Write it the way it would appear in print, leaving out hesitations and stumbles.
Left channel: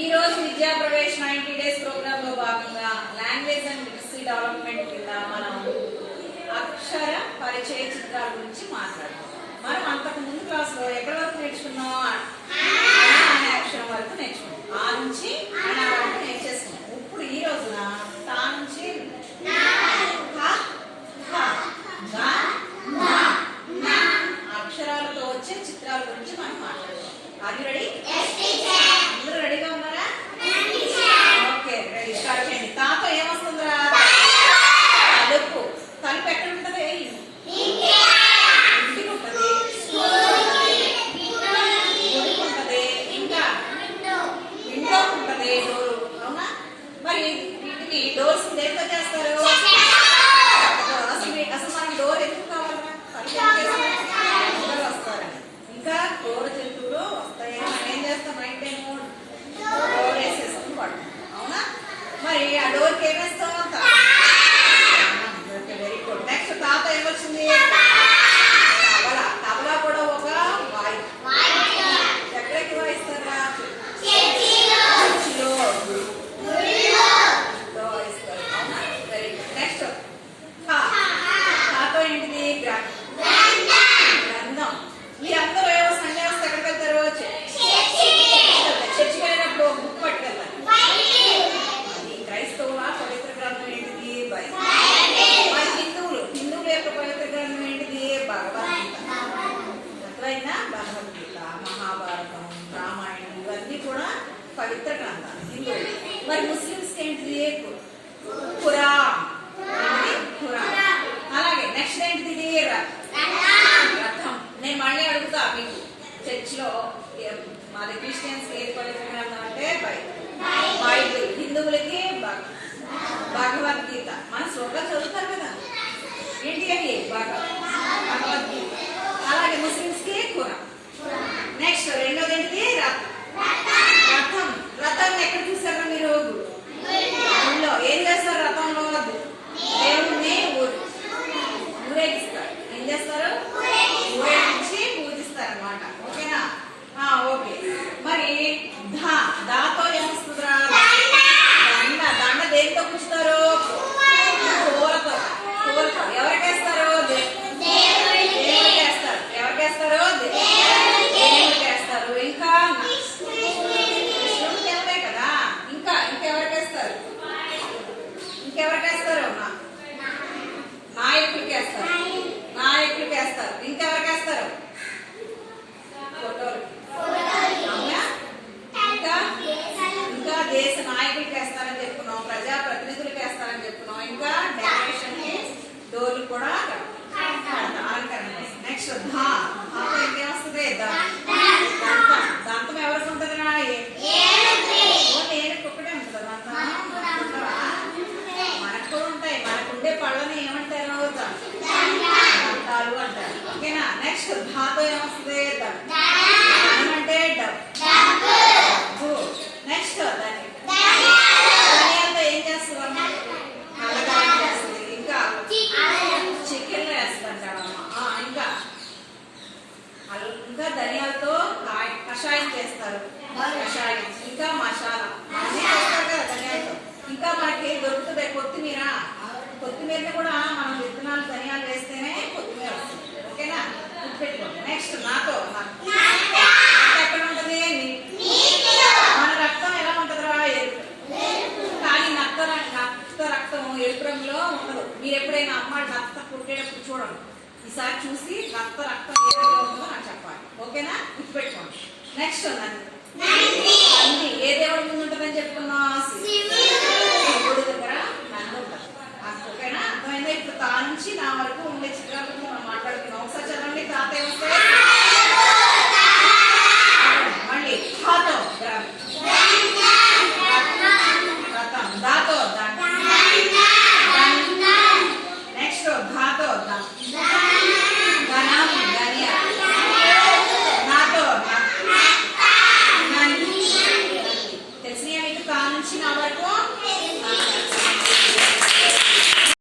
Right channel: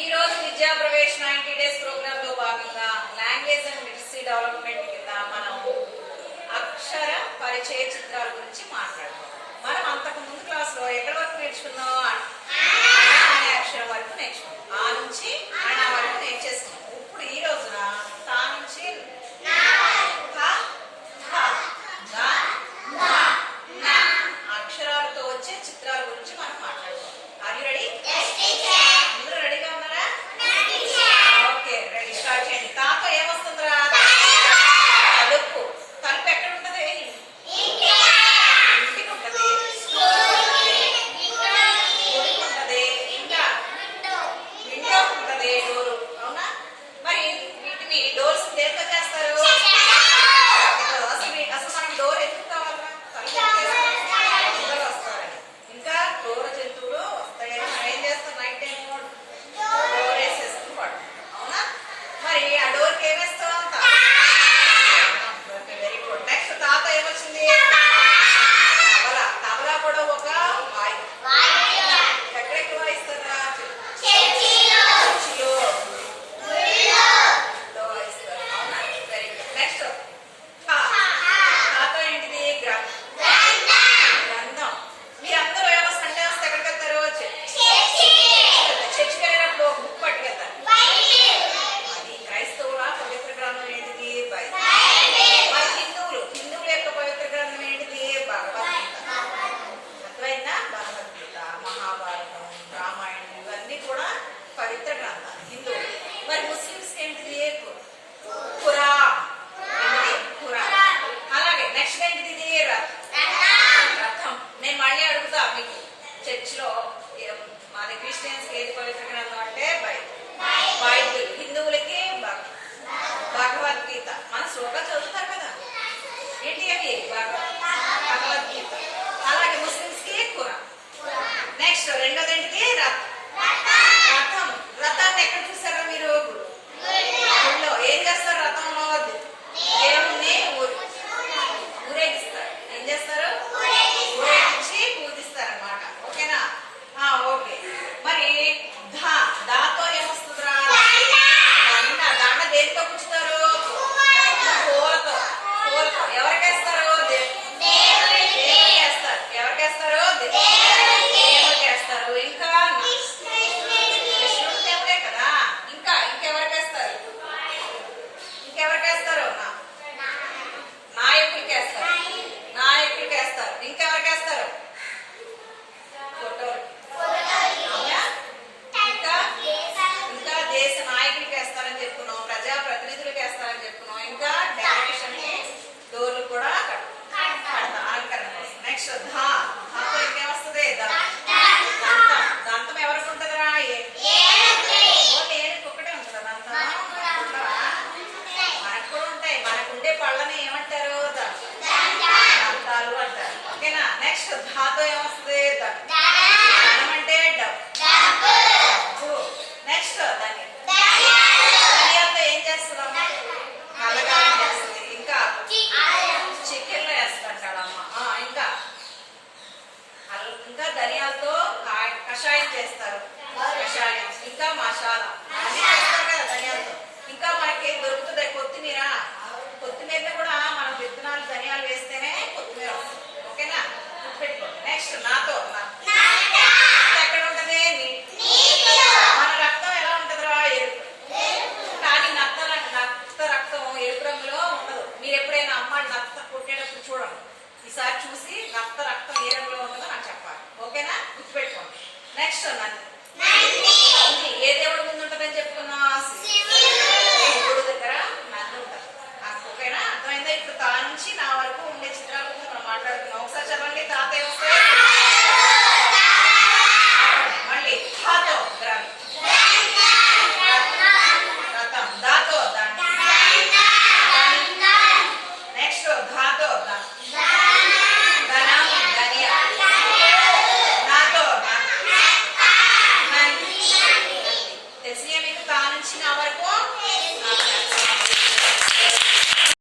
ఈ రోజు విద్యా ప్రవేశ్ 90 డేస్ ప్రోగ్రామ్ లో భాగంగా లాంగ్వేజ్ అండ్ లిటరసీ డెవలప్మెంట్ కింద మనం అక్షర పరిచయ చిత్రాల గురించి మాట్లాడుతాం. మనం అంతకు ముందు క్లాస్ లో ఎక్కడి వరకు నేర్చుకున్నాం? అనే అక్షరం వరకు నేర్చుకున్నాం. ఆ నుంచి అణ వరకు నేర్చేసుకున్నాం. ఇప్పుడు ఈ రోజున తా నుంచి అక్షరాలతో వచ్చే చిత్రాల గురించి మనం మాట్లాడుతాం. Are you ready? అందరూ రెడీగా ఉన్నారా? Okay, ready. స్టార్ట్ చేయండి. తాతో ఏమొస్తుందిరా? తలుపు. తలుపు ఎక్కడ ఉంటది? ఇంటికి ఉంటది, గుడికి ఉంటది, ఇంకా విండో ఉంటది, డోర్. అవునా? మరి వీటిని డోర్స్ దేంతో చేస్తారు? అసలు మనకి డోర్ ఎందుకు కావాలన్నా? తలుపు వస్తారని, ఇంకా క్రూర జంతువులు వస్తాయని మనం ఏం చేస్తాం? నైట్ టైం డోర్ వేసేసుకుని పడుతుంది. అవునా? మరి ఆ డోర్కి ఏమేస్తాం? Very good. నెక్స్ట్ తాత ఏమొచ్చింది? తబలా. తబలా కూడా ఒక వాయిద్యం. ఎక్కడెక్కడ వాయిస్తారా? చర్చిలో వాయిస్తారు. అవునా? Very good. నెక్స్ట్ తాత ఏంటిది? గ్రంథం. మీరందరూ ఏమో సండే వస్తే ఎక్కడికి వెళ్తారు? చర్చికి వెళ్ళినప్పుడు బుక్ పట్టుకెళ్తారు. అది క్రైస్తవుల పవిత్ర గ్రంథం ఏంటిది? బైబిల్. మరి హిందువుల యొక్క పవిత్ర గ్రంథం ఏంటిది? భగవద్గీత. అర్థమైందా? భగవద్గీత, మహాభారతం, రామాయణం ఇవన్నీ కూడా పవిత్ర గ్రంథాలు హిందువులు. మరి ముస్లింస్ ఏంటిది? ఖురాన్. ఖురాన్. అలాగే నెక్స్ట్ ఏంటిది? రథం. నేను మళ్ళీ అడుగుతా మీకు, చర్చిలో మాది క్రిస్టియన్స్ ఏది పవిత్ర గ్రంథం అంటే బైబిల్. హిందువులకి భగవద్గీత. మన శ్లోకాలు చదువుతారు కదా, ఏంటి అవి? భగవద్గీత. అలాగే ముస్లింస్ కి ఖురాన్. నెక్స్ట్ రెండోది ఏంటిది? రథం. రథాన్ని ఎక్కడ చూసారా మీరు? గుళ్ళో. ఏం చేస్తారు రథంలో? దేవుణ్ణి ఊరేగిస్తారు. ఏం చేస్తారు? ఊరేగించి పూజిస్తారన్నమాట. ఓకేనా? ఓకే. మరి దాతో ఏమొస్తుందిరా? దండ. దేనితో పుచ్చుతారు? పూలతో. ఎవరికేస్తారు? దేవుడికి వేస్తారు. ఎవరికేస్తారు? దేవుడికి వేస్తారు. ఇంకా కృష్ణుడు దేవుడే కదా. ఇంకెవరికేస్తారు? నాయకులకి వేస్తారు. ఇంకెవరికి వేస్తారు? ఇంకా దేశ నాయకులకి వేస్తారని చెప్పుకున్నాం, ప్రజా ప్రతినిధులకు వేస్తారని చెప్పుకున్నాం, ఇంకా డెకరేషన్ కి డోర్లు కూడా అలంకరణ. నెక్స్ట్ ధాతో ఇంకేమొస్తుంది? దంతం ఎవరికి ఉంటుందిరా? ఏనుగు ఒక్కటే ఉంటుంది దంతం. మనకు కూడా ఉంటాయి. మనకుండే పళ్ళని ఏమంటారు? దంతాలు అంటారు. ఓకేనా? నెక్స్ట్ ధాతో ఏమొస్తుంది? ధనం అంటే డబ్బు. నెక్స్ట్ ధనియాలతో ఏం చేస్తుందమ్మ? కళ్ళకారం చేస్తుంది. ఇంకా చికెన్లో వేస్తుంటారమ్మ. ఇంకా ధనియాలతో కషాయం చేస్తారు. కషాయం, ఇంకా మసాలా అన్నీ చేస్తారు కదా ధనియాలతో. ఇంకా మనకి దొరుకుతుంది కొత్తిమీరని కూడా మనం విత్తనాలు ధనియాలు వేస్తేనే కొత్తిమీర వస్తుంది. ఓకేనా? గుర్తుపెట్టుకోండి. నెక్స్ట్ నాతో. ఎక్కడ ఉంటది? మన రక్తం ఎలా ఉంటదిరా? ఎరుపు. కానీ నత్త రక్తం ఎరుపు రంగులో ఉండదు. మీరు ఎప్పుడైనా అమ్మ నత్త పుట్టేటప్పుడు చూడండి. ఈసారి చూసి నత్త రక్తం ఏ రంగులో ఉంటుందో నాకు చెప్పాలి. ఓకేనా? గుర్తుపెట్టుకోండి. నెక్స్ట్ నంది. ఏ దేవుడి ముందు ఉంటుందని చెప్పుకున్నా? శివుడి దగ్గర నంది ఉంటుంది. ఓకేనా? అర్థమైందా? ఇప్పుడు తా నుంచి నా వరకు ఉండే చిత్రాల గురించి మనం మాట్లాడుతున్నాం. ఒకసారి చదవండి. తా